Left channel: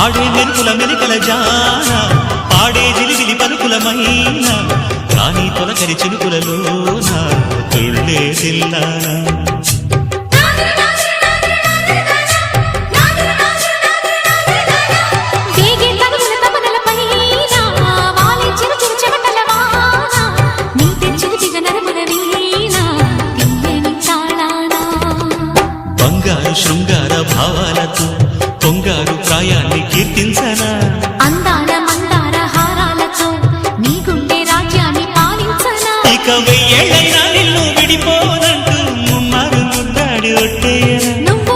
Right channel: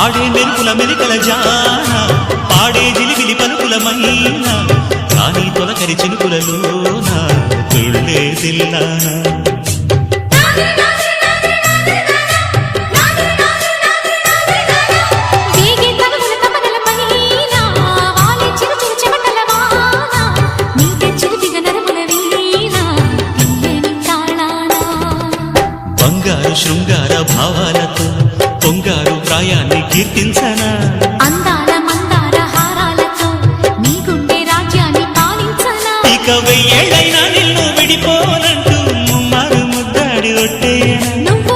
ఆడే మెరుపుల మెలికల జాన పాడే జిలిబిలి పలుకులమైన రాణి తొలకరి చినుకులలోన తుళ్ళే తిల్లానా బంగారు శృంగార భావాలతో పొంగారు ప్రాయాన్ని కీర్తించనా అందాల మందార హారాలతో నీ గుండె రాజ్యాన్ని పాలించనా ఇక 1000 ఏళ్ళైనా నిన్ను విడిపోనంటూ ముమ్మారు ముద్దాడి ఒట్టేయనా నువ్వు